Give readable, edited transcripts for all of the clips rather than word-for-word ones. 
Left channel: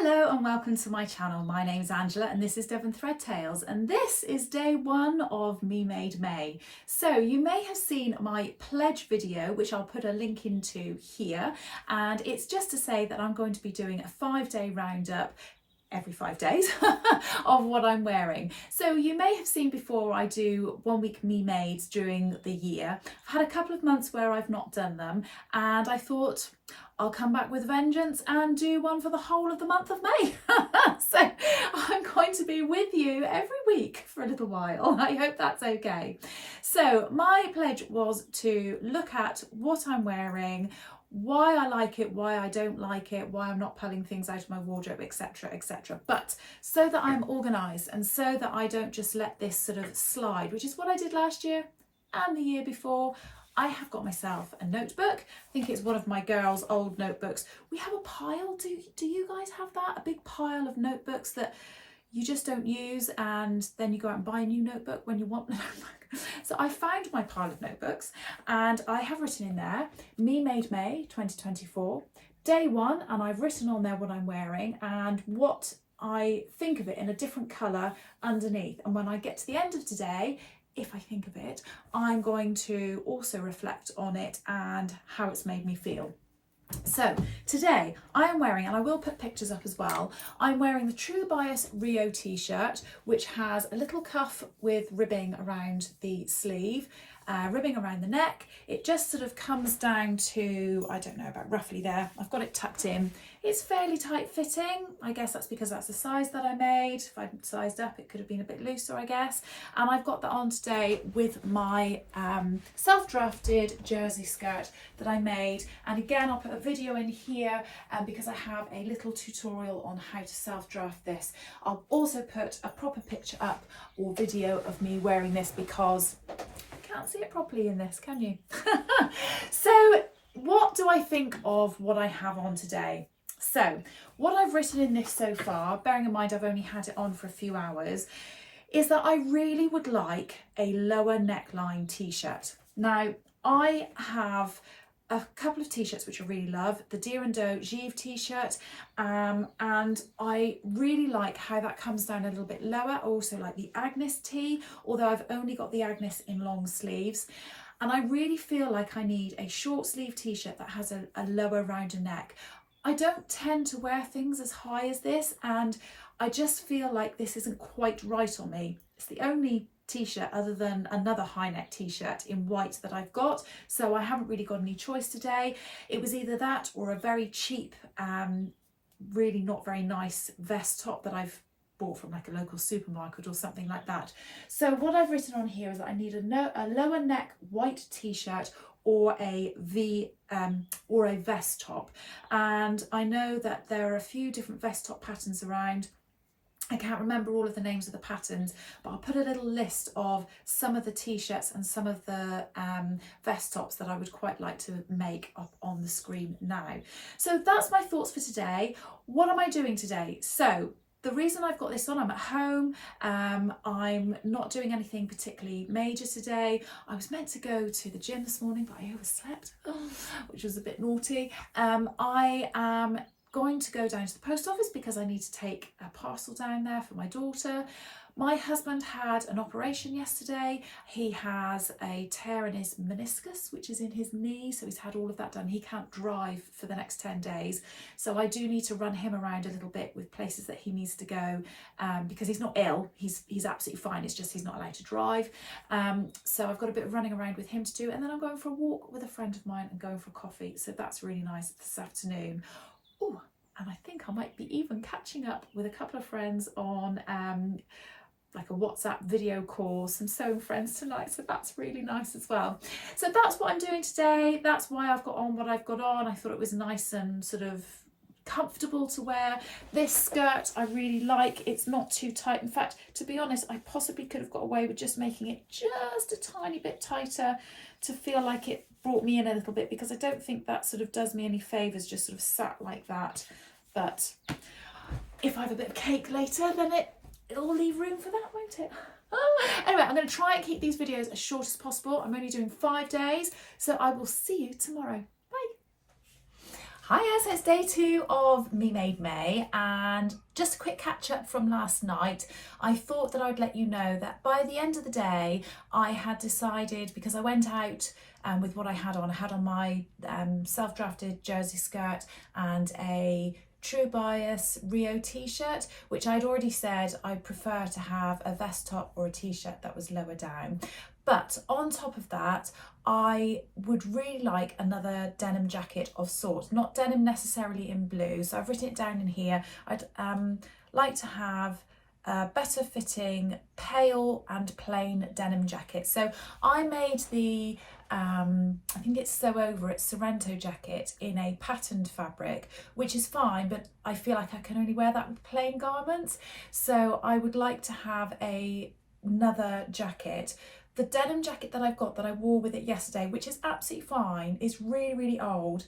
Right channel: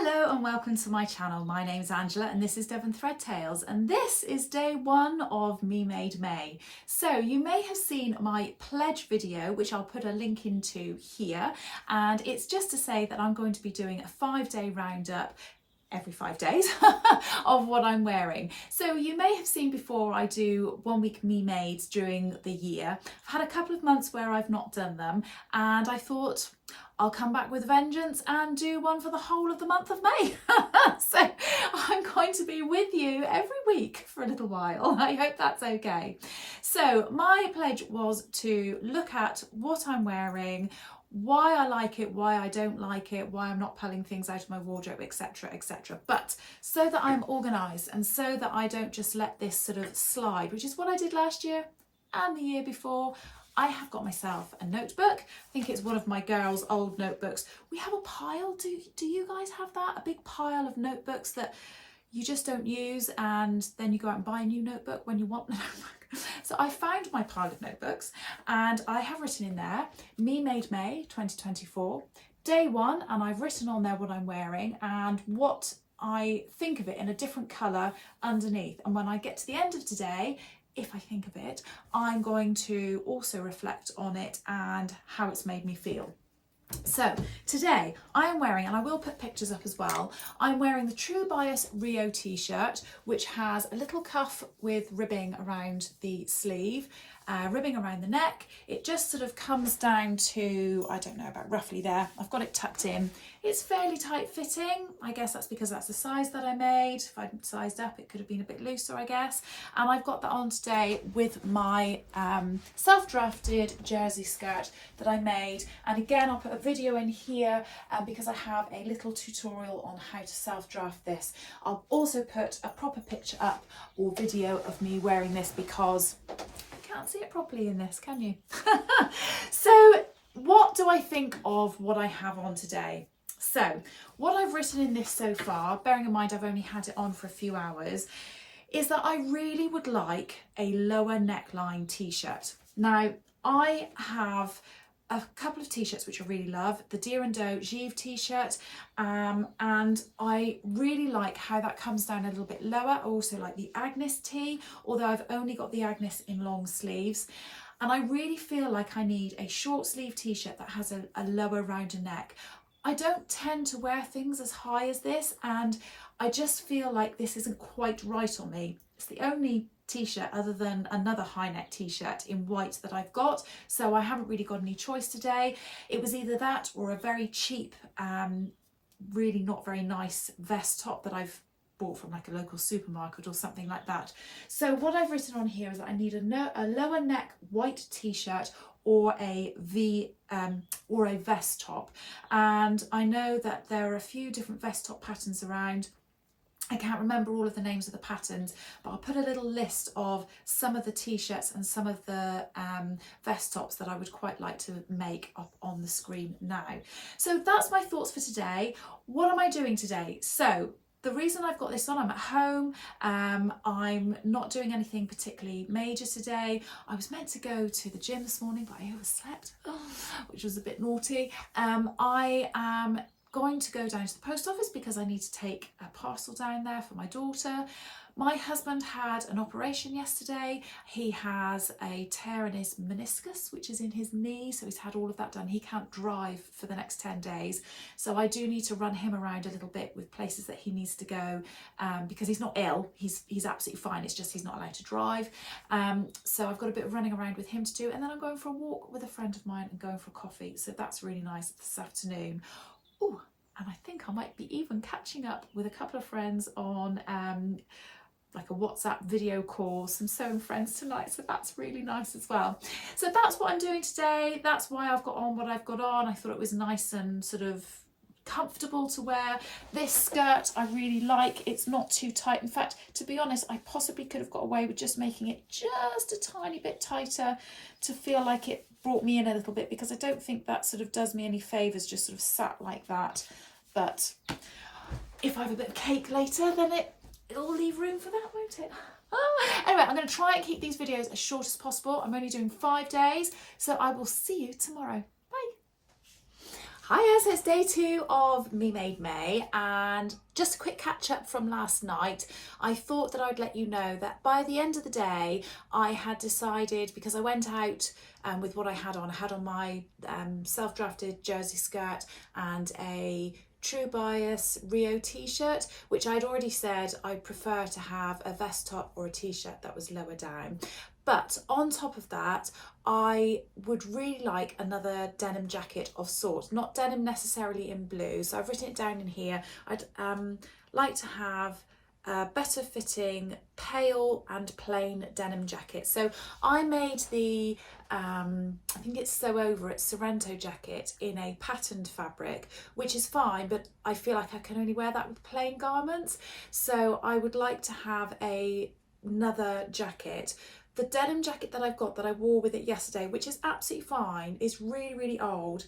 Hello and welcome to my channel. My name is Angela and this is Devon Thread Tales, and this is day one of Me Made May. So you may have seen my pledge video, which I'll put a link into here, and it's just to say that I'm going to be doing a 5-day roundup every 5 days of what I'm wearing. So you may have seen before I do 1 week Me Mades during the year. I've had a couple of months where I've not done them, and I thought I'll come back with a vengeance and do one for the whole of the month of May. So I'm going to be with you every week for a little while. I hope that's okay. So my pledge was to look at what I'm wearing, why I like it, why I don't like it, why I'm not pulling things out of my wardrobe, etc, etc. But so that I'm organised and so that I don't just let this sort of slide, which is what I did last year and the year before. I have got myself a notebook. I think it's one of my girls' old notebooks. We have a pile. Do you guys have that? A big pile of notebooks that you just don't use, and then you go out and buy a new notebook when you want the notebook. So I found my pile of notebooks and I have written in there, Me Made May 2024, day one, and I've written on there what I'm wearing and what I think of it in a different colour underneath. And when I get to the end of today, if I think of it, I'm going to also reflect on it and how it's made me feel. So today I am wearing, and I will put pictures up as well, I'm wearing the True Bias Rio t-shirt, which has a little cuff with ribbing around the sleeve, ribbing around the neck. It just sort of comes down to, I don't know, about roughly there. I've got it tucked in. It's fairly tight fitting. I guess that's because that's the size that I made. If I'd sized up, it could have been a bit looser, I guess. And I've got that on today with my self-drafted jersey skirt that I made. And again, I'll put a video in here because I have a little tutorial on how to self-draft this. I'll also put a proper picture up or video of me wearing this because you can't see it properly in this, can you? So what do I think of what I have on today? So what I've written in this so far, bearing in mind I've only had it on for a few hours, is that I really would like a lower neckline t-shirt. Now I have a couple of t-shirts which I really love, the Deer and Doe Givre t-shirt, and I really like how that comes down a little bit lower. I also like the Agnes tee, although I've only got the Agnes in long sleeves. And I really feel like I need a short sleeve t-shirt that has a lower rounder neck. I don't tend to wear things as high as this, and I just feel like this isn't quite right on me. It's the only t-shirt other than another high neck t-shirt in white that I've got, so I haven't really got any choice today. It was either that or a very cheap, really not very nice vest top that I've bought from like a local supermarket or something like that. So what I've written on here is that I need a lower neck white t-shirt or a or a vest top, and I know that there are a few different vest top patterns around. I can't remember all of the names of the patterns, but I'll put a little list of some of the t-shirts and some of the vest tops that I would quite like to make up on the screen now. So that's my thoughts for today. What am I doing today? So the reason I've got this on, I'm at home, I'm not doing anything particularly major today. I was meant to go to the gym this morning, but I overslept, which was a bit naughty. I am going to go down to the post office because I need to take a parcel down there for my daughter. My husband had an operation yesterday. He has a tear in his meniscus, which is in his knee, so he's had all of that done. He can't drive for the next 10 days, so I do need to run him around a little bit with places that he needs to go, because he's not ill, he's absolutely fine, it's just he's not allowed to drive. So I've got a bit of running around with him to do, and then I'm going for a walk with a friend of mine and going for coffee, so that's really nice this afternoon. Oh, and I think I might be even catching up with a couple of friends on like a WhatsApp video call, some sewing friends tonight, so that's really nice as well. So that's what I'm doing today. That's why I've got on what I've got on. I thought it was nice and sort of comfortable to wear. This skirt I really like. It's not too tight. In fact, to be honest, I possibly could have got away with just making it just a tiny bit tighter to feel like it brought me in a little bit, because I don't think that sort of does me any favours, just sort of sat like that. But if I have a bit of cake later, then it'll leave room for that, won't it? Anyway, I'm going to try and keep these videos as short as possible. I'm only doing 5 days, so I will see you tomorrow. Bye. Hiya, so it's day 2 of Me Made May, and just a quick catch up from last night. I thought that I'd let you know that by the end of the day I had decided, because I went out with what I had on my self-drafted jersey skirt and a True Bias Rio t-shirt, which I'd already said I prefer to have a vest top or a t-shirt that was lower down. But on top of that, I would really like another denim jacket of sorts, not denim necessarily in blue. So I've written it down in here. I'd like to have a better fitting pale and plain denim jacket. So I made the I think it's Sew Over It Sorrento jacket in a patterned fabric, which is fine, but I feel like I can only wear that with plain garments. So I would like to have another jacket. The denim jacket that I've got, that I wore with it yesterday, which is absolutely fine, is really, really old,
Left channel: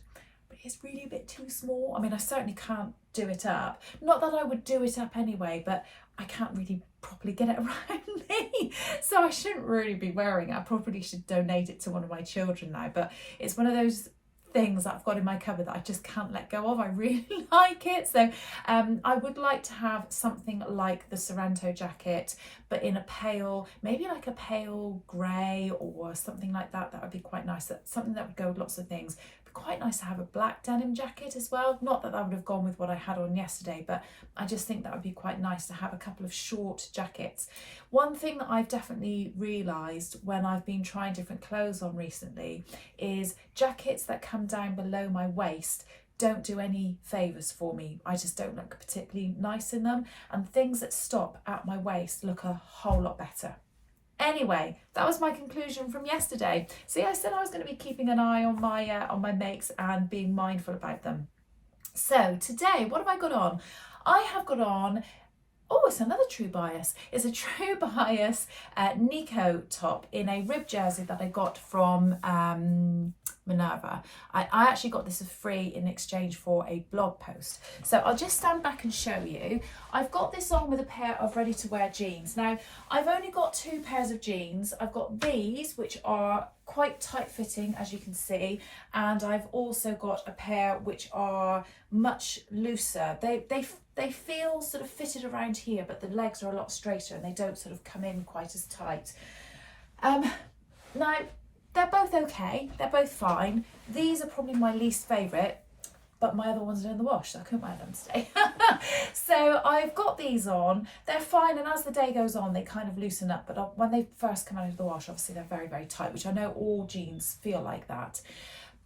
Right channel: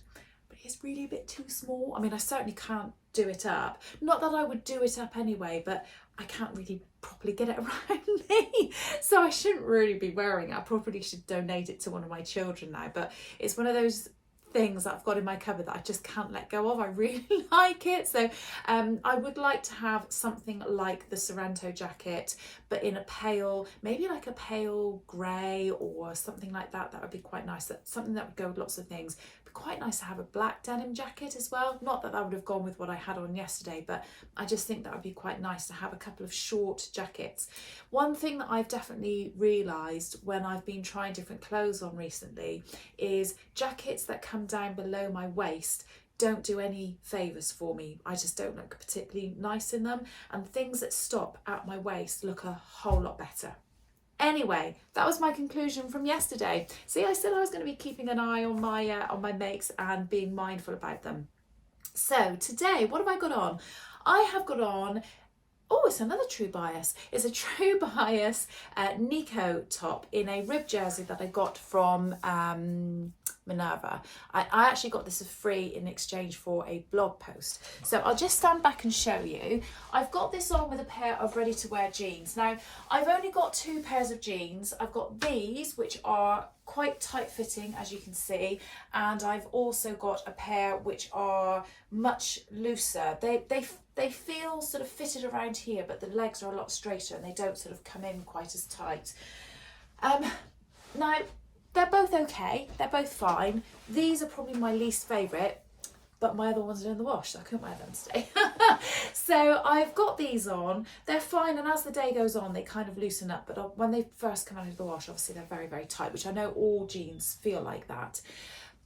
but it's really a bit too small. I mean, I certainly can't do it up. Not that I would do it up anyway, but I can't really properly get it around me. So I shouldn't really be wearing it. I probably should donate it to one of my children now, but it's one of those things that I've got in my cupboard that I just can't let go of. I really like it. So I would like to have something like the Sorrento jacket, but in a pale, maybe like a pale grey or something like that. That would be quite nice. That's something that would go with lots of things. It'd be quite nice to have a black denim jacket as well. Not that would have gone with what I had on yesterday, but I just think that would be quite nice to have a couple of short jackets. One thing that I've definitely realised when I've been trying different clothes on recently is jackets that come down below my waist don't do any favours for me. I just don't look particularly nice in them, and things that stop at my waist look a whole lot better. Anyway, that was my conclusion from yesterday. See, I said I was going to be keeping an eye on my makes and being mindful about them. So today, what have I got on? I have got on, oh, it's another True Bias. It's a True Bias Nico top in a rib jersey that I got from Minerva. I actually got this for free in exchange for a blog post. So I'll just stand back and show you. I've got this on with a pair of ready-to-wear jeans. Now, I've only got 2 pairs of jeans. I've got these, which are quite tight-fitting, as you can see, and I've also got a pair which are much looser. They feel sort of fitted around here, but the legs are a lot straighter and they don't sort of come in quite as tight. Now, they're both okay, they're both fine. These are probably my least favourite, but my other ones are in the wash, so I couldn't wear them today. So I've got these on, they're fine, and as the day goes on, they kind of loosen up, but when they first come out of the wash, obviously they're very, very tight, which I know all jeans feel like that.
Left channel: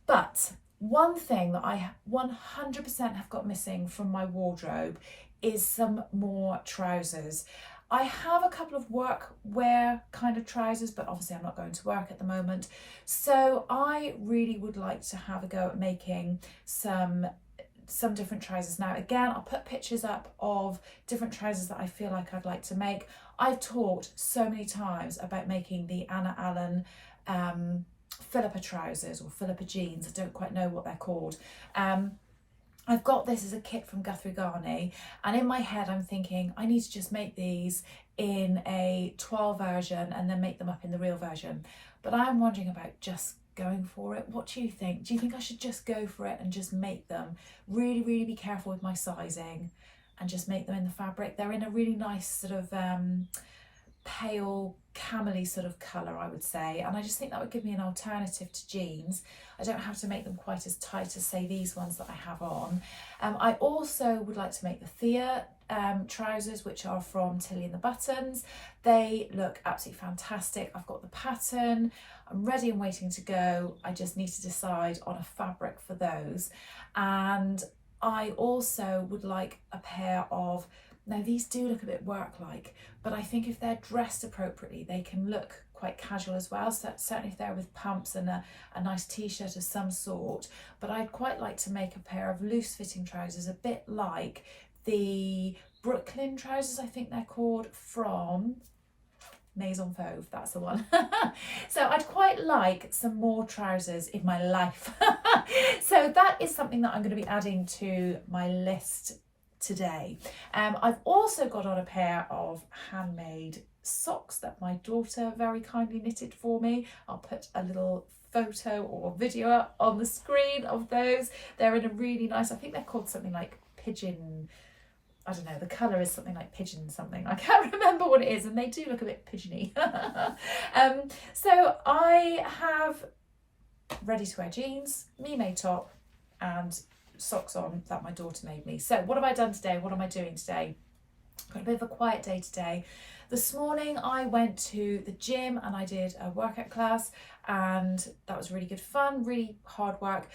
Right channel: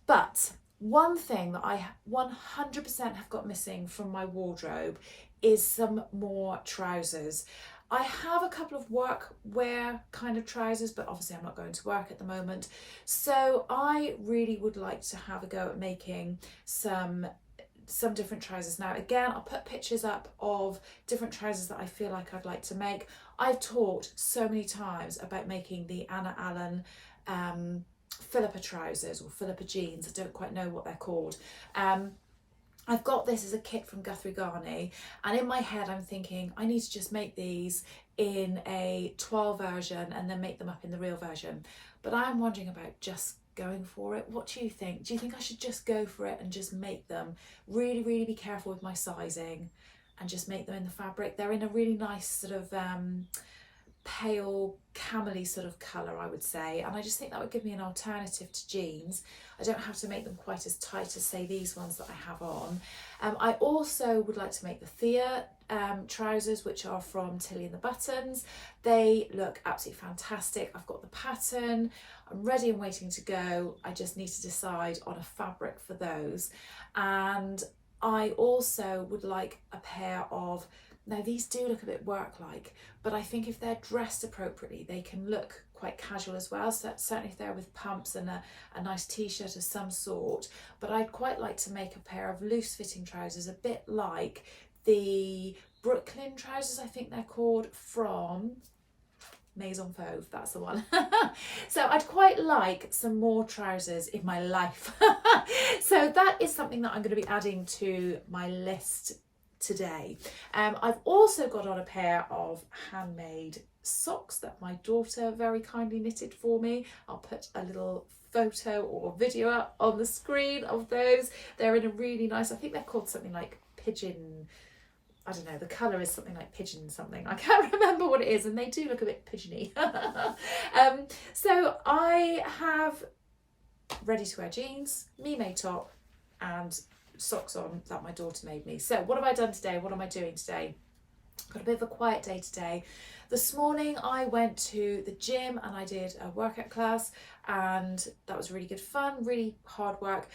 But one thing that I 100% have got missing from my wardrobe is some more trousers. I have a couple of work wear kind of trousers, but obviously I'm not going to work at the moment. So I really would like to have a go at making some different trousers. Now, again, I'll put pictures up of different trousers that I feel like I'd like to make. I've talked so many times about making the Anna Allen Philippa trousers or Philippa jeans. I don't quite know what they're called. I've got this as a kit from Guthrie Garney, and in my head I'm thinking I need to just make these in a 12 version and then make them up in the real version. But I'm wondering about just going for it. What do you think? Do you think I should just go for it and just make them? Really, really be careful with my sizing and just make them in the fabric. They're in a really nice sort of pale camely sort of colour, I would say, and I just think that would give me an alternative to jeans. I don't have to make them quite as tight as, say, these ones that I have on. I also would like to make the Thea trousers, which are from Tilly and the Buttons. They look absolutely fantastic. I've got the pattern, I'm ready and waiting to go. I just need to decide on a fabric for those. And I also would like a pair of, now these do look a bit work-like, but I think if they're dressed appropriately, they can look quite casual as well. So certainly if they're with pumps and a nice t-shirt of some sort. But I'd quite like to make a pair of loose-fitting trousers, a bit like the Brooklyn trousers, I think they're called, from Maison Fauve, that's the one. So I'd quite like some more trousers in my life. So that is something that I'm going to be adding to my list today. I've also got on a pair of handmade socks that my daughter very kindly knitted for me. I'll put a little photo or video up on the screen of those. They're in a really nice, I think they're called something like pigeon, I don't know, the colour is something like pigeon something. I can't remember what it is, and they do look a bit pigeony. So I have ready to wear jeans, me made top, and socks on that my daughter made me. So what have I done today? What am I doing today? Got a bit of a quiet day today. This morning I went to the gym and I did a workout class, and that was really good fun, really hard work.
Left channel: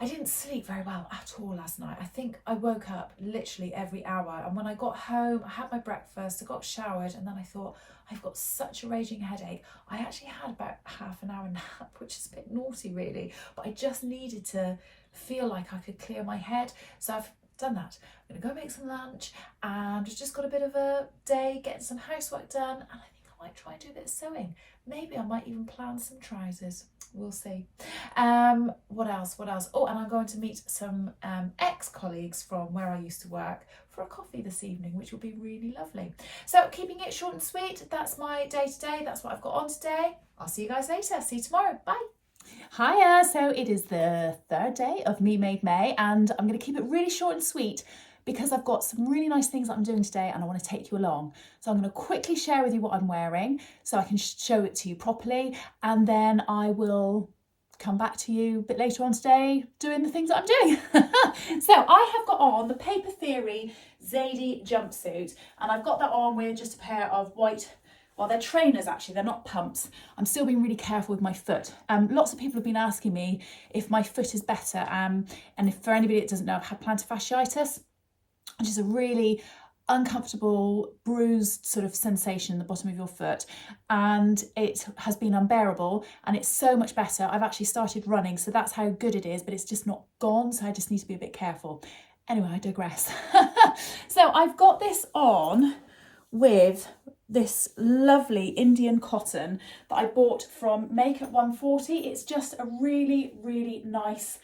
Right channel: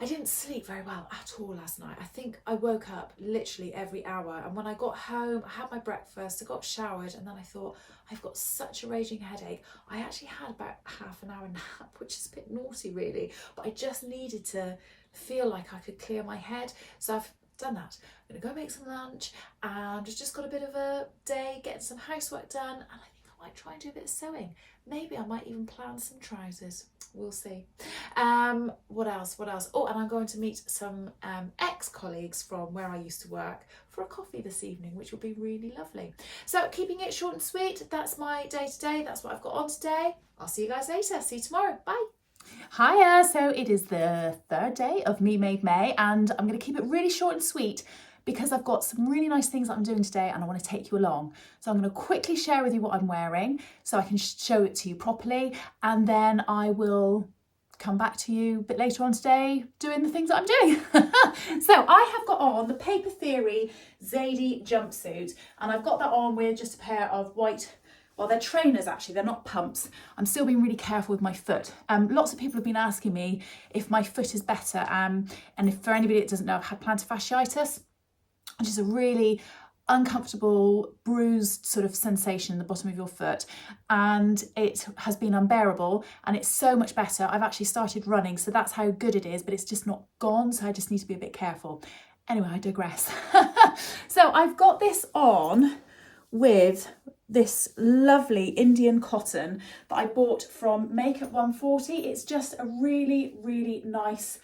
I didn't sleep very well at all last night. I think I woke up literally every hour, and when I got home I had my breakfast, I got showered, and then I thought, I've got such a raging headache. I actually had about half an hour nap, which is a bit naughty really, but I just needed to feel like I could clear my head. So I've done that. I'm gonna go make some lunch, and just got a bit of a day getting some housework done, and I think I might try and do a bit of sewing. Maybe I might even plan some trousers. We'll see. What else? Oh, and I'm going to meet some ex-colleagues from where I used to work for a coffee this evening, which will be really lovely. So keeping it short and sweet, that's my day today. That's what I've got on today. I'll see you guys later. See you tomorrow. Bye. Hiya, so it is the third day of Me Made May, and I'm going to keep it really short and sweet because I've got some really nice things that I'm doing today and I want to take you along. So I'm going to quickly share with you what I'm wearing so I can show it to you properly, and then I will come back to you a bit later on today doing the things that I'm doing. So I have got on the Paper Theory Zadie jumpsuit, and I've got that on with just a pair of white, well, they're trainers actually, they're not pumps. I'm still being really careful with my foot. Lots of people have been asking me if my foot is better, and if for anybody that doesn't know, I've had plantar fasciitis, which is a really uncomfortable, bruised sort of sensation in the bottom of your foot, and it has been unbearable, and it's so much better. I've actually started running, so that's how good it is, but it's just not gone, so I just need to be a bit careful. Anyway, I digress. So I've got this on with this lovely Indian cotton that I bought from Makeup 140. It's just a really, really nice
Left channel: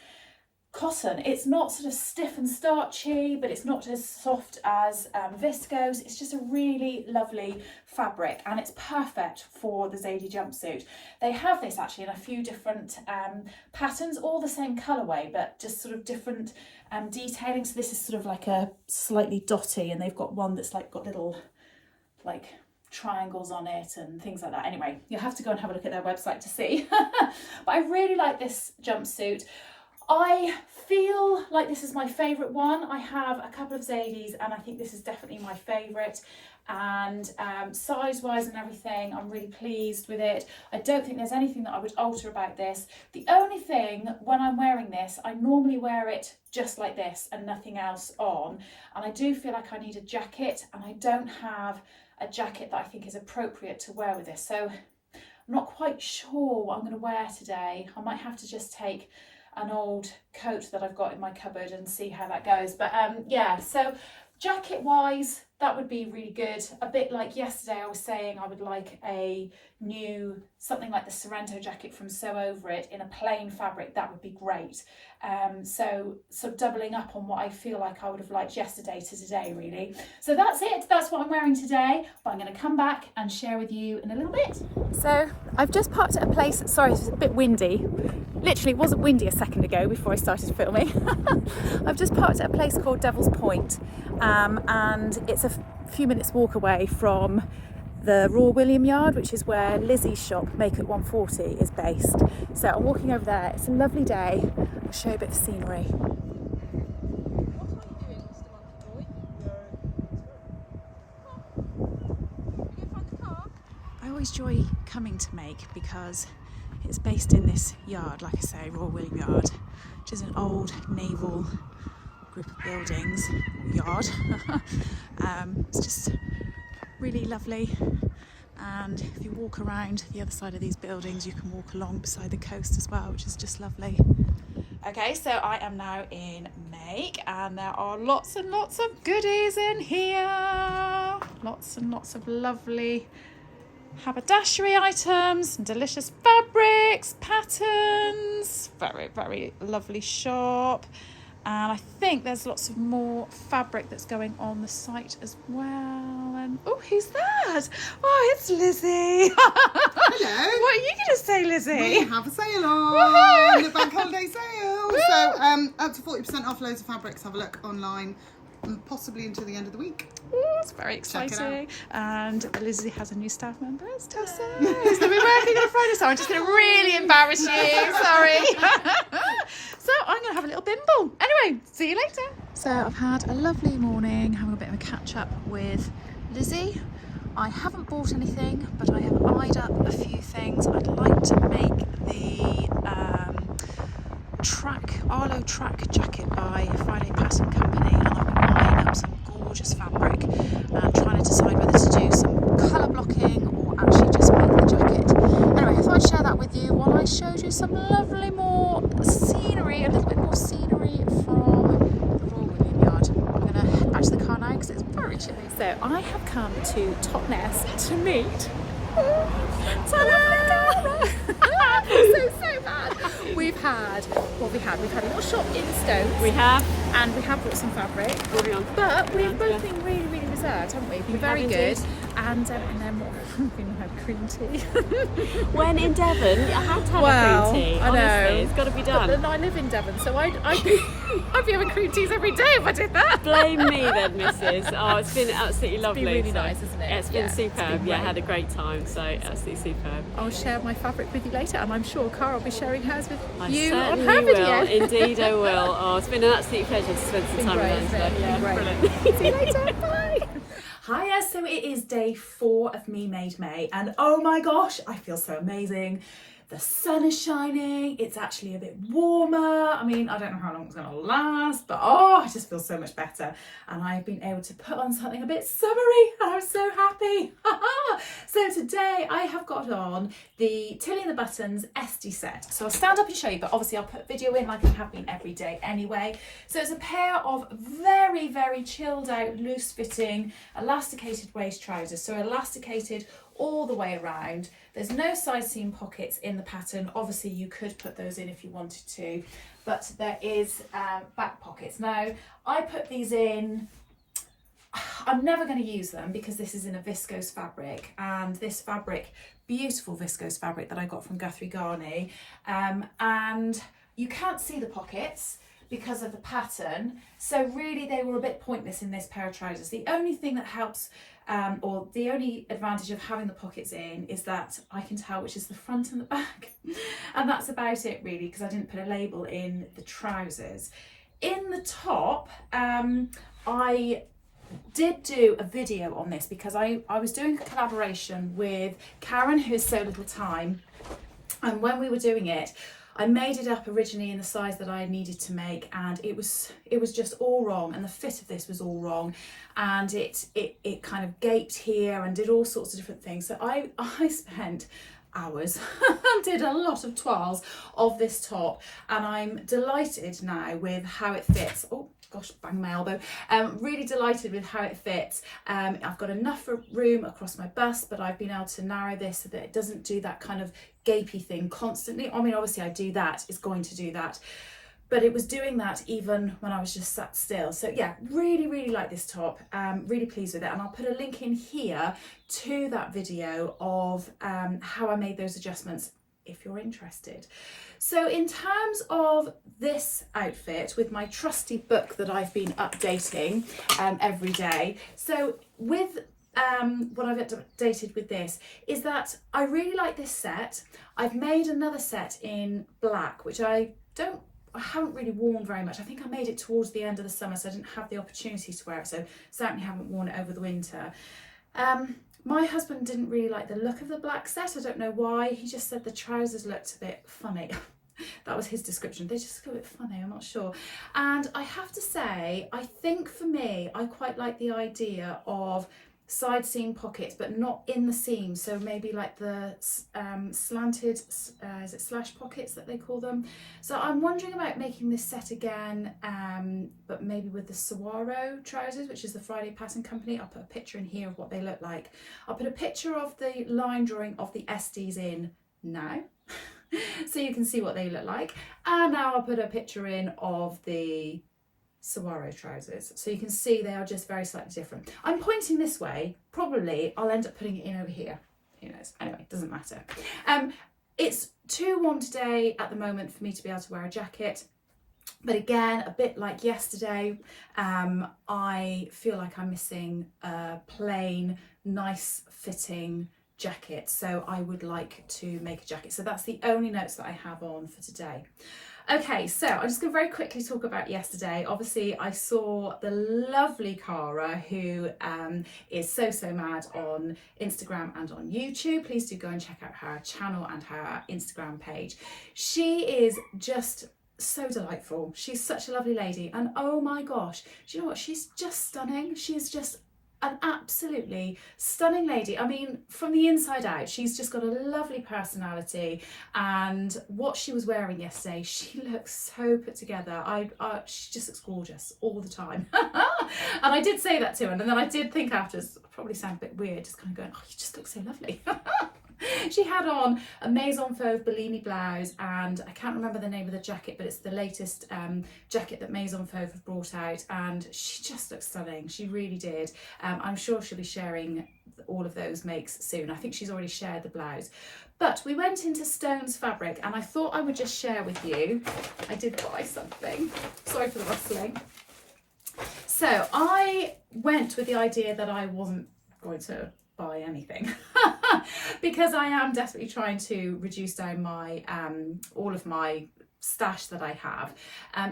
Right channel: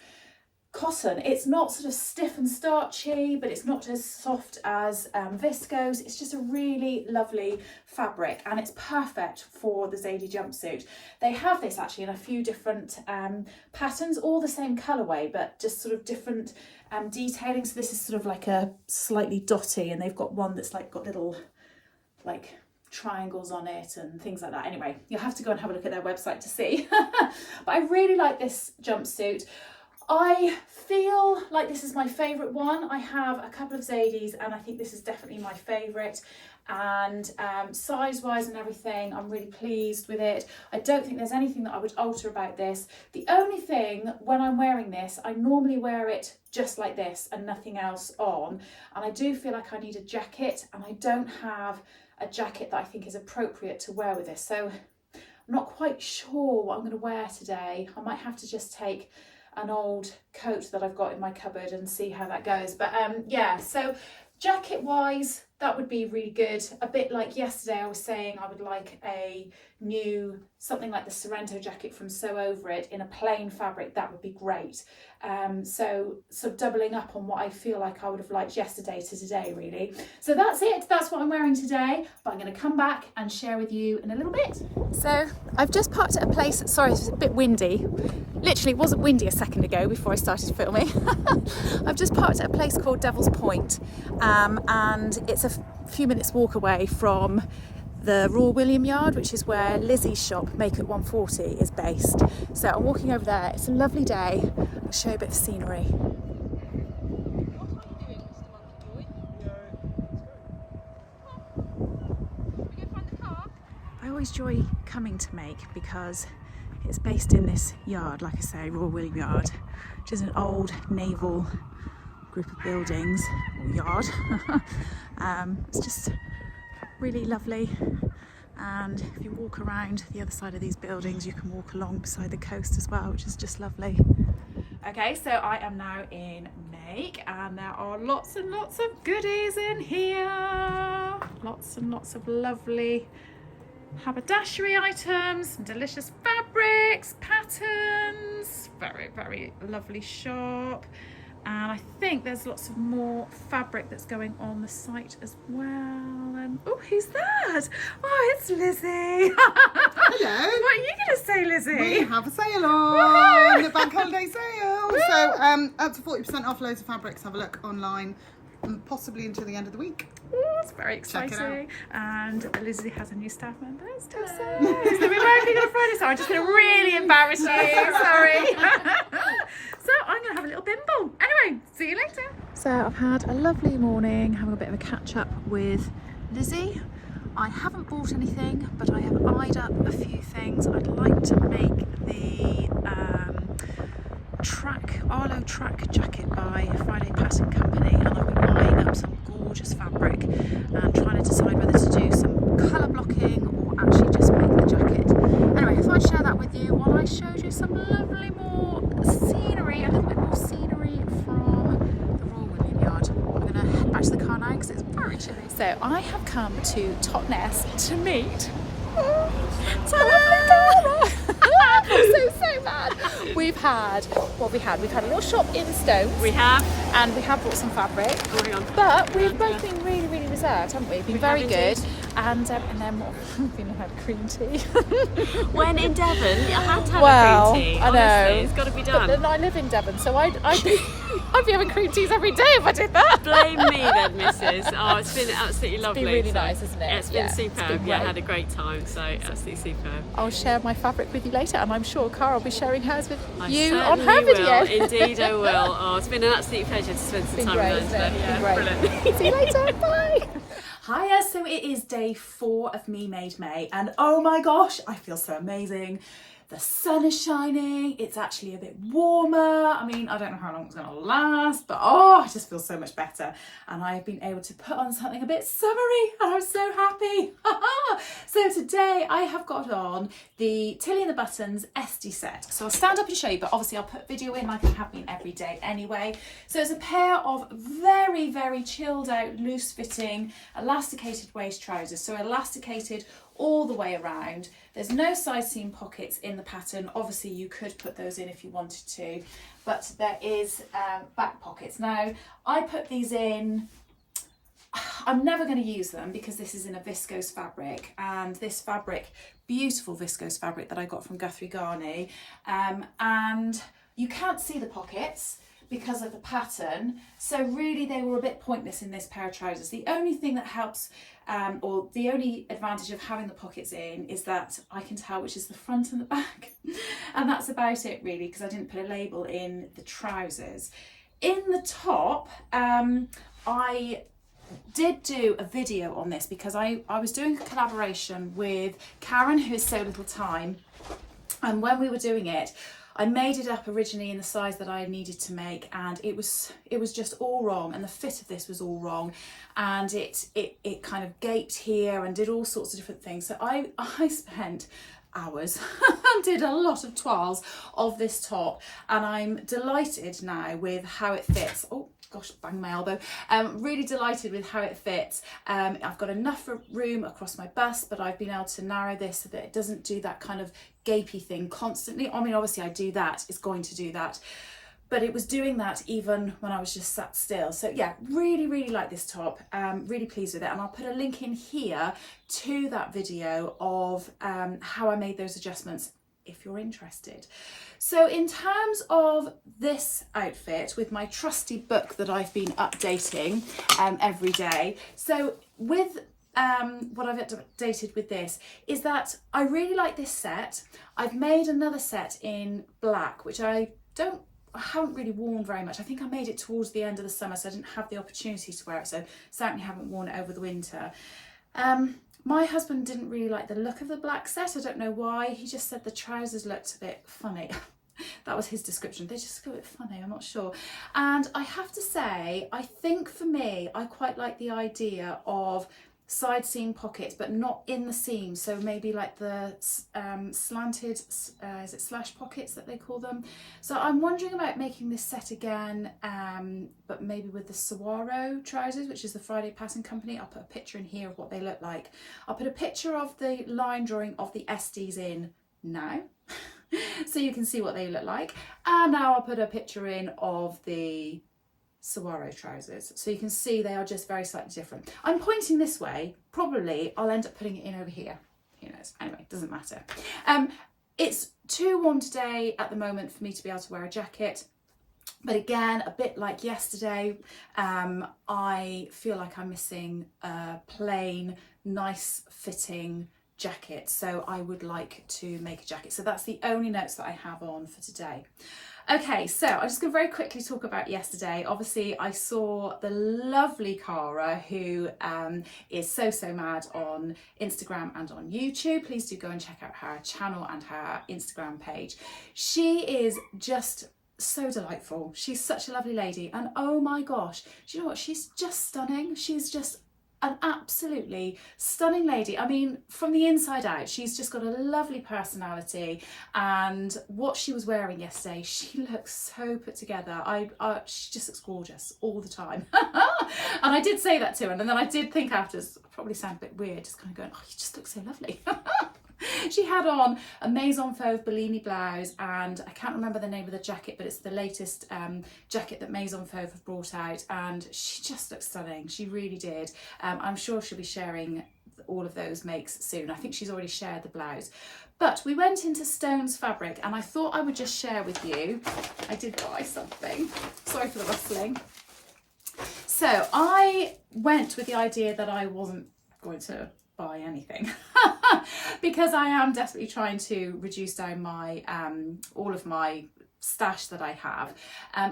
cotton. It's not sort of stiff and starchy, but it's not as soft as viscose. It's just a really lovely fabric, and it's perfect for the Zadie jumpsuit. They have this actually in a few different patterns, all the same colourway, but just sort of different detailing. So this is sort of like a slightly dotty, and they've got one that's like got little like triangles on it and things like that. Anyway, you'll have to go and have a look at their website to see. But I really like this jumpsuit. I feel like this is my favourite one. I have a couple of Zadies, and I think this is definitely my favourite, and size wise and everything, I'm really pleased with it. I don't think there's anything that I would alter about this. The only thing, when I'm wearing this, I normally wear it just like this and nothing else on, and I do feel like I need a jacket, and I don't have a jacket that I think is appropriate to wear with this, so I'm not quite sure what I'm going to wear today. I might have to just take an old coat that I've got in my cupboard and see how that goes. But yeah, so jacket wise, that would be really good. A bit like yesterday I was saying I would like a new, something like the Sorrento jacket from Sew Over It in a plain fabric. That would be great. So sort of doubling up on what I feel like I would have liked yesterday to today really. So that's it, that's what I'm wearing today, but I'm going to come back and share with you in a little bit. So I've just parked at a place, sorry it's a bit windy, literally it wasn't windy a second ago before I started filming. I've just parked at a place called Devil's Point, and it's a few minutes walk away from the Royal William Yard, which is where Lizzie's shop, Makeup 140, is based. So I'm walking over there. It's a lovely day. I'll show you a bit of scenery. I always enjoy coming to Make because it's based in this yard, like I say, Royal William Yard, which is an old naval group of buildings, or yard. It's just really lovely, and if you walk around the other side of these buildings you can walk along beside the coast as well, which is just lovely. Okay, so I am now in Make, and there are lots and lots of goodies in here, lots and lots of lovely haberdashery items, delicious fabrics, patterns, very, very lovely shop. And I think there's lots of more fabric that's going on the site as well. And oh, who's that? Oh, it's Lizzie. Hello. What are you going to say, Lizzie? We have a sale on, the bank holiday sale. So up to 40% off loads of fabrics. Have a look online, possibly until the end of the week. Oh, it's very exciting. Check it out. And Lizzie has a new staff member. It's Tessa. So we're working on Friday, so I'm just going to really embarrass you. Sorry. So I'm going to have a little bimble. Anyway, see you later. So I've had a lovely morning, having a bit of a catch up with Lizzie. I haven't bought anything, but I have eyed up a few things. I'd like to make the Arlo track jacket by Friday Pattern Company, and I've been eyeing up some gorgeous fabric and trying to decide whether to do some colour blocking or actually just make the jacket. Anyway, I thought I'd share that with you while I showed you some lovely more scenery, a little bit more scenery from the Royal William Yard. I'm going to head back to the car now because it's very chilly. So I have come to Totnes to meet ta-da! so bad. We've had a little shop in Stones. We have. And we have bought some fabric. Oh, hang on. But we've both been really, really reserved, haven't we? We've been very good. Indeed. And then what? We had cream tea. When in Devon, I had to have Well, a cream tea. I know. Honestly, it's got to be But done. then I live in Devon, so I'd be having cream teas every day if I did that. Blame me then, Mrs. Oh, it's been absolutely lovely. It's been really So, nice, isn't it? Yeah, it's been Yeah, superb. it's been Yeah, great. had a great time. So absolutely superb. I'll share my fabric with you later, and I'm sure Cara will be sharing hers with I you on certainly her video. will. Indeed, I will. Oh, it's been an absolute pleasure to spend some time with Great, her. it's Yeah, been great. brilliant. See you later. Bye. Hiya, so it is day 4 of Me Made May, and oh my gosh, I feel so amazing. The sun is shining, it's actually a bit warmer. I mean, I don't know how long it's going to last, but oh, I just feel so much better. And I've been able to put on something a bit summery, and I'm so happy. So today I have got on the Tilly and the Buttons SD set. So I'll stand up and show you, but obviously I'll put video in like I have been every day anyway. So it's a pair of very, very chilled out, loose fitting, elasticated waist trousers. So elasticated all the way around. There's no side seam pockets in the pattern. Obviously you could put those in if you wanted to, but there is back pockets. Now I put these in, I'm never going to use them because this is in a viscose fabric, and this fabric, beautiful viscose fabric that I got from Guthrie Garney, and you can't see the pockets because of the pattern, so really they were a bit pointless in this pair of trousers. The only thing that helps, or the only advantage of having the pockets in, is that I can tell which is the front and the back, and that's about it really, because I didn't put a label in the trousers. In the top, I did do a video on this because I was doing a collaboration with Karen, who has So Little Time, and when we were doing it, I made it up originally in the size that I needed to make, and it was just all wrong, and the fit of this was all wrong, and it kind of gaped here and did all sorts of different things. So I spent hours and did a lot of toiles of this top, and I'm delighted now with how it fits. Oh gosh, bang my elbow. Really delighted with how it fits. I've got enough room across my bust, but I've been able to narrow this so that it doesn't do that kind of gapey thing constantly. I mean, obviously I do that, it's going to do that, but it was doing that even when I was just sat still. So yeah, really, really like this top, really pleased with it. And I'll put a link in here to that video of how I made those adjustments if you're interested. So in terms of this outfit, with my trusty book that I've been updating every day, so with what I've updated with this is that I really like this set. I've made another set in black, which I haven't really worn very much. I think I made it towards the end of the summer, so I didn't have the opportunity to wear it, so certainly haven't worn it over the winter. My husband didn't really like the look of the black set. I don't know why. He just said the trousers looked a bit funny. That was his description. They just look a bit funny, I'm not sure. And I have to say, I think for me, I quite like the idea of side seam pockets, but not in the seam. So maybe like the slanted, is it slash pockets that they call them? So I'm wondering about making this set again, but maybe with the Saguaro trousers, which is the Friday Pattern Company. I'll put a picture in here of what they look like. I'll put a picture of the line drawing of the SDs in now, so you can see what they look like. And now I'll put a picture in of the saguaro trousers. So you can see they are just very slightly different. I'm pointing this way, probably I'll end up putting it in over here. Who knows? Anyway, doesn't matter. It's too warm today at the moment for me to be able to wear a jacket. But again, a bit like yesterday, I feel like I'm missing a plain, nice fitting jacket. So I would like to make a jacket. So that's the only notes that I have on for today. Okay, so I'm just going to very quickly talk about yesterday. Obviously, I saw the lovely Cara, who is so mad on Instagram and on YouTube. Please do go and check out her channel and her Instagram page. She is just so delightful. She's such a lovely lady, and oh my gosh, do you know what? She's just stunning. She's just an absolutely stunning lady. I mean, from the inside out, she's just got a lovely personality, and what she was wearing yesterday, she looks so put together. She just looks gorgeous all the time. And I did say that to her, and then I did think afterwards, I probably sound a bit weird, just kind of going, oh, you just look so lovely. She had on a Maison Fauve Bellini blouse, and I can't remember the name of the jacket, but it's the latest jacket that Maison Fauve have brought out, and she just looks stunning. She really did. I'm sure she'll be sharing all of those makes soon. I think she's already shared the blouse. But we went into Stone's Fabric, and I thought I would just share with you. I did buy something. Sorry for the rustling. So I went with the idea that I wasn't going to buy anything because I am desperately trying to reduce down my all of my stash that I have.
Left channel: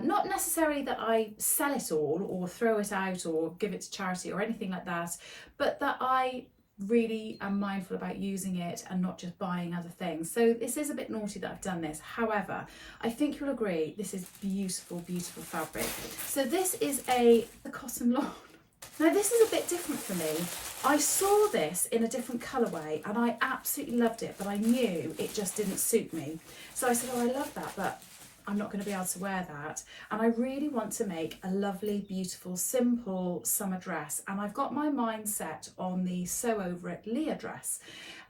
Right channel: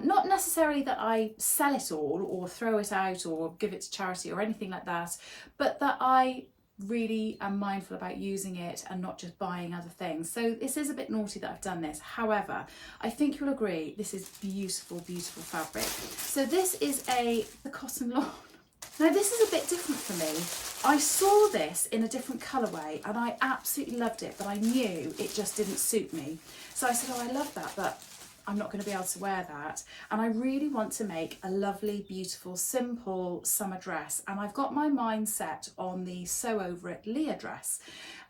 Not necessarily that I sell it all or throw it out or give it to charity or anything like that, but that I really am mindful about using it and not just buying other things. So this is a bit naughty that I've done this. However, I think you'll agree this is beautiful fabric. So this is the cotton lawn. Now this is a bit different for me. I saw this in a different colourway and I absolutely loved it, but I knew it just didn't suit me. So I said, oh, I love that, but I'm not going to be able to wear that. And I really want to make a lovely, beautiful, simple summer dress. And I've got my mind set on the Sew Over It Leah dress.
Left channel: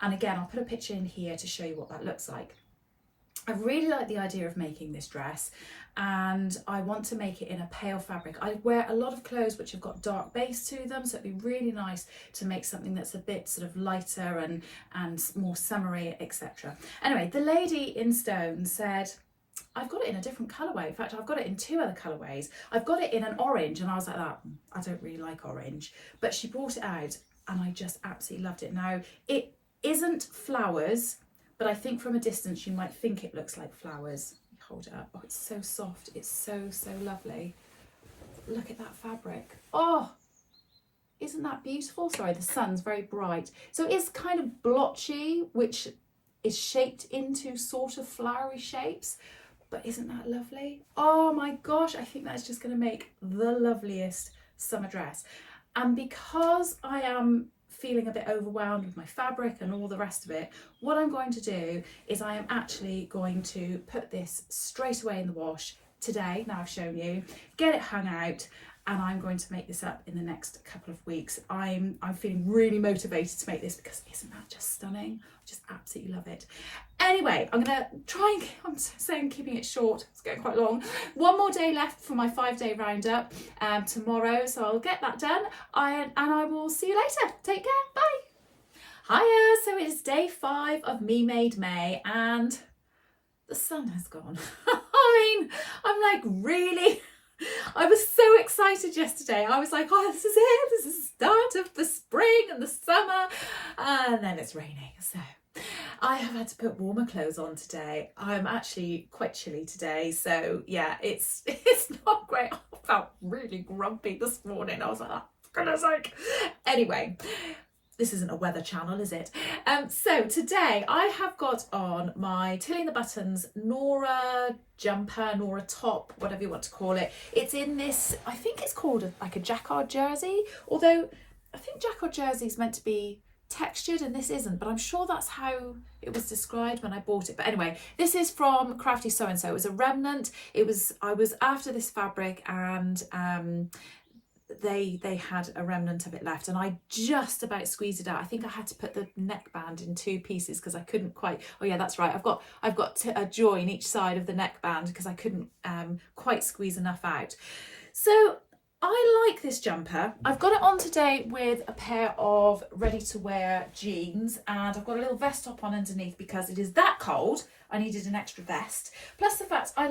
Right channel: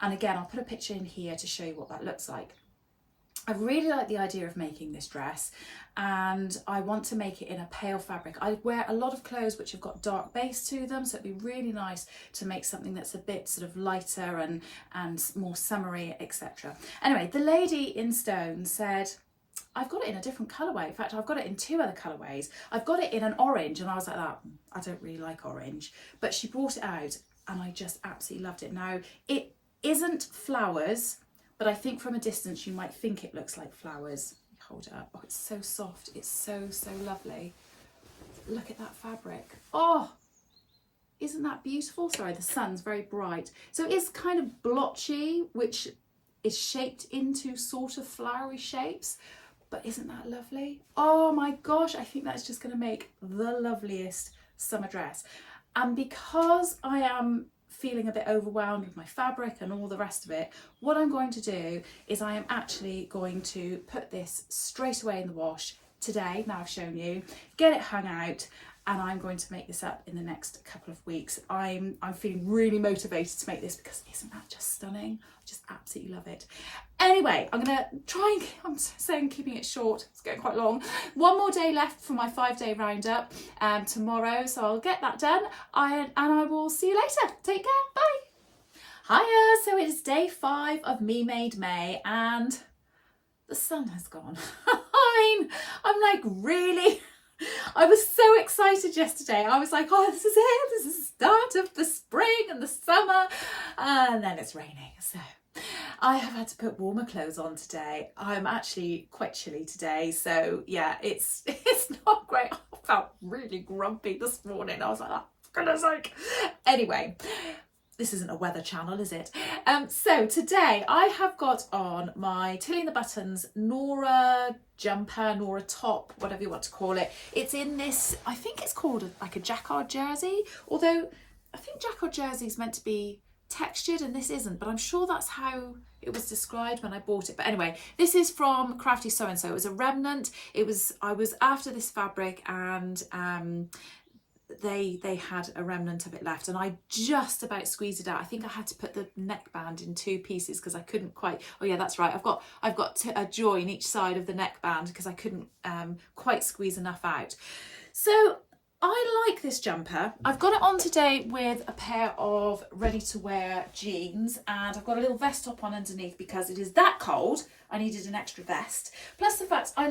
And again, I'll put a picture in here to show you what that looks like. I really like the idea of making this dress, and I want to make it in a pale fabric. I wear a lot of clothes which have got dark base to them, so it'd be really nice to make something that's a bit sort of lighter and more summery, etc. Anyway, the lady in Stone said, I've got it in a different colourway. In fact, I've got it in 2 other colourways. I've got it in an orange, and I was like, I don't really like orange, but she brought it out and I just absolutely loved it. Now, it isn't flowers, but I think from a distance you might think it looks like flowers. Hold it up. Oh, it's so soft. It's so lovely. Look at that fabric. Oh, isn't that beautiful? Sorry, the sun's very bright. So it's kind of blotchy, which is shaped into sort of flowery shapes. But isn't that lovely? Oh my gosh, I think that's just going to make the loveliest summer dress. And because I am feeling a bit overwhelmed with my fabric and all the rest of it, what I'm going to do is I am actually going to put this straight away in the wash today. Now I've shown you, get it hung out, and I'm going to make this up in the next couple of weeks. I'm feeling really motivated to make this because isn't that just stunning? I just absolutely love it. Anyway, I'm gonna try and, I'm saying keeping it short, it's getting quite long. One more day left for my 5-day roundup tomorrow, so I'll get that done and I will see you later. Take care, bye. Hiya, so it's day 5 of Me Made May and the sun has gone. I mean, I'm like, really? I was so excited yesterday. I was like, oh, this is it. This is the start of the spring and the summer. And then it's raining. So I have had to put warmer clothes on today. I'm actually quite chilly today. So yeah, it's not great. I felt really grumpy this morning. I was like, oh, for goodness sake. Anyway, this isn't a weather channel, is it? So today I have got on my Tilly and the Buttons Nora jumper, Nora top, whatever you want to call it. It's in this, I think it's called like a jacquard jersey, although I think jacquard jersey is meant to be textured and this isn't, but I'm sure that's how it was described when I bought it. But anyway, this is from Crafty So and So. It was a remnant. I was after this fabric and they had a remnant of it left and I just about squeezed it out. I think I had to put the neckband in 2 pieces because I couldn't quite, oh yeah, that's right, I've got a join each side of the neckband because I couldn't quite squeeze enough out. So I like this jumper. I've got it on today with a pair of ready to wear jeans, and I've got a little vest top on underneath because it is that cold. I needed an extra vest. Plus the fact I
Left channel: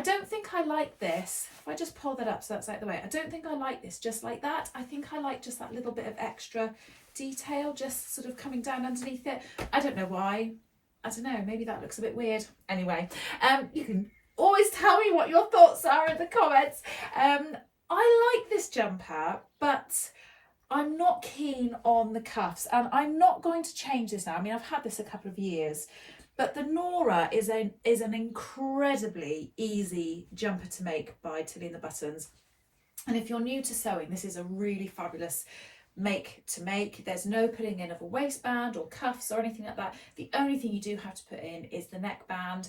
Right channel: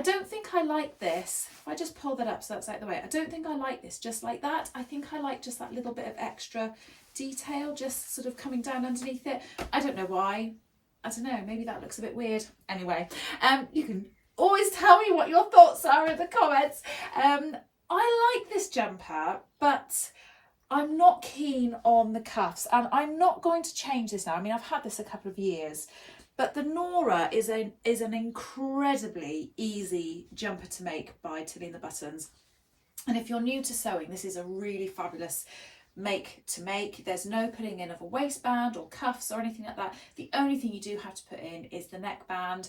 don't think I like this. If I just pull that up so that's out the way, I don't think I like this just like that. I think I like just that little bit of extra detail just sort of coming down underneath it. I don't know why. I don't know, maybe that looks a bit weird. Anyway, you can always tell me what your thoughts are in the comments. I like this jumper, but I'm not keen on the cuffs, and I'm not going to change this now. I mean, I've had this a couple of years, but the Nora is an incredibly easy jumper to make by Tilly and the Buttons. And if you're new to sewing, this is a really fabulous make to make. There's no putting in of a waistband or cuffs or anything like that. The only thing you do have to put in is the neckband.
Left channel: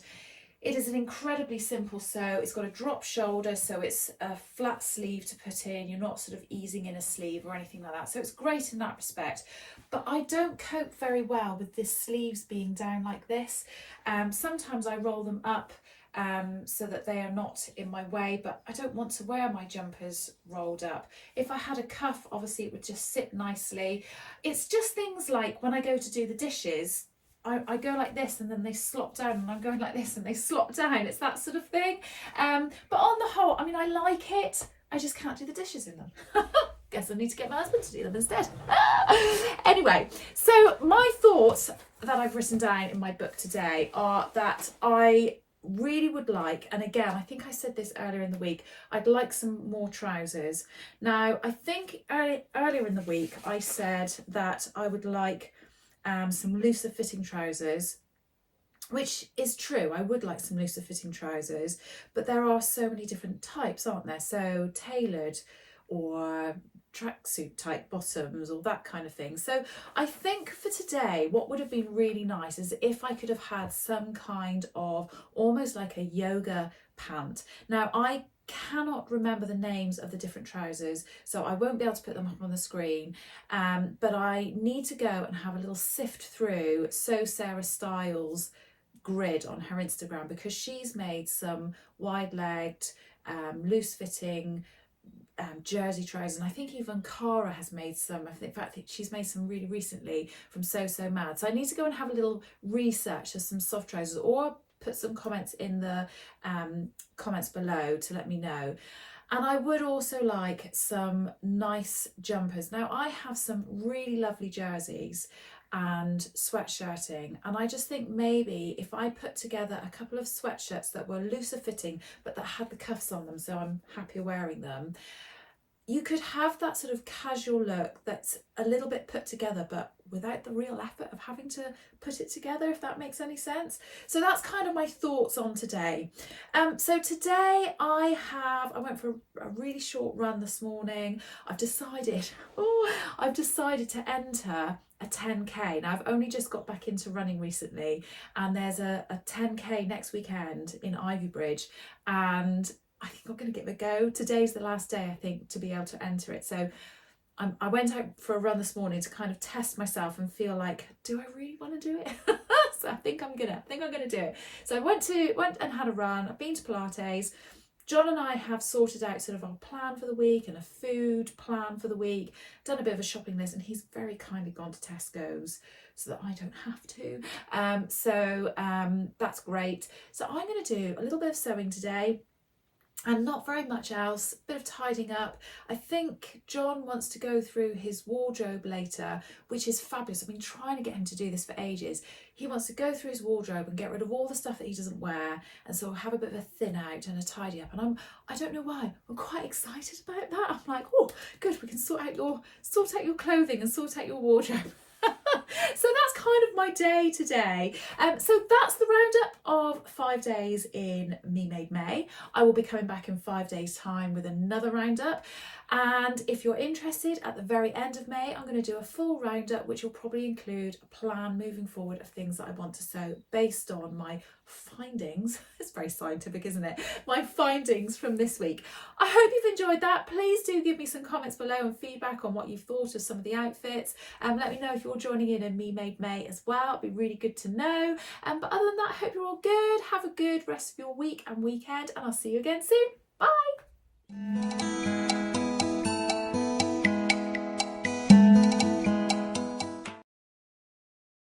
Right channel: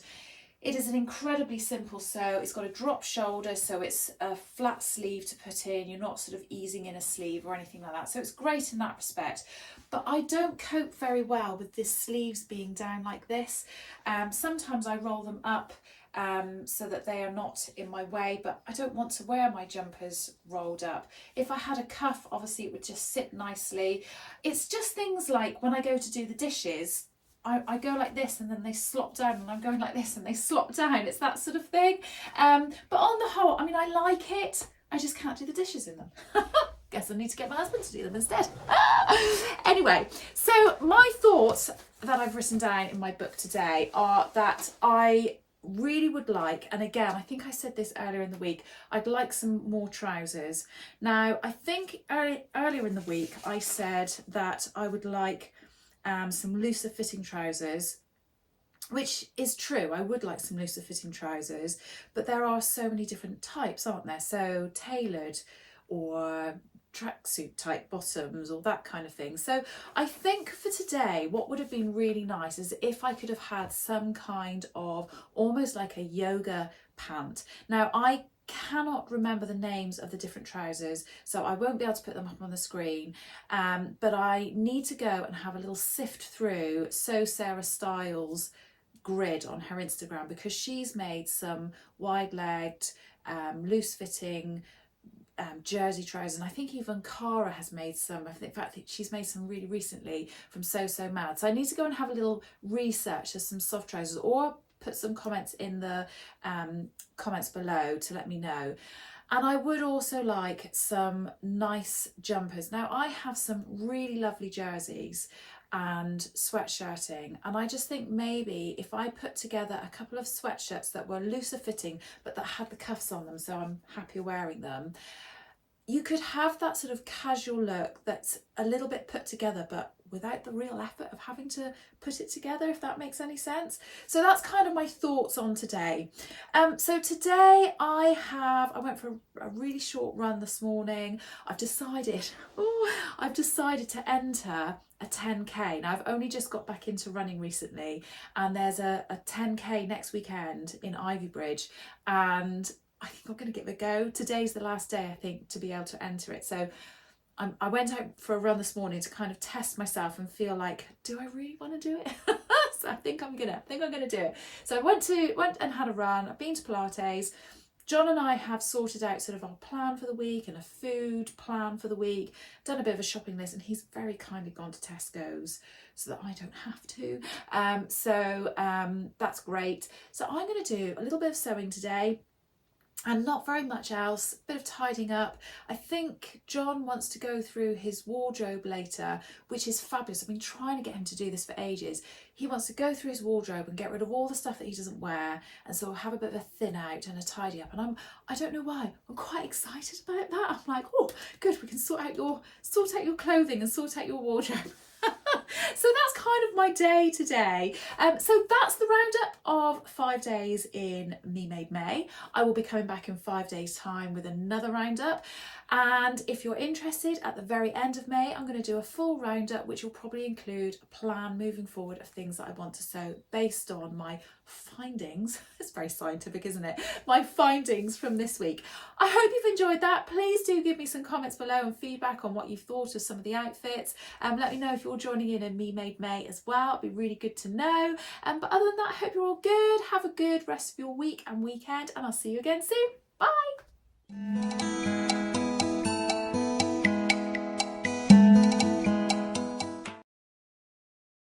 It is an incredibly simple sew. It's got a drop shoulder, so it's a flat sleeve to put in. You're not sort of easing in a sleeve or anything like that. So it's great in that respect. But I don't cope very well with the sleeves being down like this. Sometimes I roll them up so that they are not in my way, but I don't want to wear my jumpers rolled up. If I had a cuff, obviously it would just sit nicely. It's just things like when I go to do the dishes, I go like this and then they slop down, and I'm going like this and they slop down. It's that sort of thing. But on the whole, I mean, I like it. I just can't do the dishes in them. Guess I need to get my husband to do them instead. Anyway, so my thoughts that I've written down in my book today are that I really would like, and again, I think I said this earlier in the week, I'd like some more trousers. Now, I think earlier in the week I said that I would like some looser fitting trousers, which is true. I would like some looser fitting trousers, but there are so many different types, aren't there? So tailored or tracksuit type bottoms or that kind of thing. So I think for today, what would have been really nice is if I could have had some kind of almost like a yoga pant. Now, I cannot remember the names of the different trousers, so I won't be able to put them up on the screen, but I need to go and have a little sift through Sarah Styles' grid on her Instagram, because she's made some wide-legged, loose-fitting jersey trousers, and I think even Cara has made some. In fact, she's made some really recently from So Mad. So I need to go and have a little research of some soft trousers, or put some comments in the comments below to let me know. And I would also like some nice jumpers. Now, I have some really lovely jerseys and sweatshirting, and I just think maybe if I put together a couple of sweatshirts that were looser fitting but that had the cuffs on them, so I'm happier wearing them, you could have that sort of casual look that's a little bit put together but without the real effort of having to put it together, if that makes any sense. So that's kind of my thoughts on today. So today I went for a really short run this morning. I've decided to enter a 10k. Now, I've only just got back into running recently, and there's a 10k next weekend in Ivybridge, and I think I'm going to give it a go. Today's the last day, I think, to be able to enter it. So I went out for a run this morning to kind of test myself and feel like, do I really want to do it? So I think I'm gonna do it. So I went and had a run. I've been to Pilates. John and I have sorted out sort of our plan for the week and a food plan for the week, done a bit of a shopping list, and he's very kindly gone to Tesco's so that I don't have to. That's great. So I'm going to do a little bit of sewing today, and not very much else, a bit of tidying up. I think John wants to go through his wardrobe later, which is fabulous. I've been trying to get him to do this for ages. He wants to go through his wardrobe and get rid of all the stuff that he doesn't wear, and so I'll have a bit of a thin out and a tidy up. And I don't know why, I'm quite excited about that. I'm like, oh, good, we can sort out your clothing and sort out your wardrobe. So that's kind of my day today. So that's the roundup of 5 days in Me Made May. I will be coming back in 5 days' time with another roundup. And if you're interested, at the very end of May, I'm going to do a full roundup, which will probably include a plan moving forward of things that I want to sew based on my findings. It's very scientific, isn't it? My findings from this week. I hope you've enjoyed that. Please do give me some comments below and feedback on what you've thought of some of the outfits. Let me know if you're joining in Me Made May as well. It'd be really good to know. But other than that, I hope you're all good. Have a good rest of your week and weekend, and I'll see you again soon. Bye. you.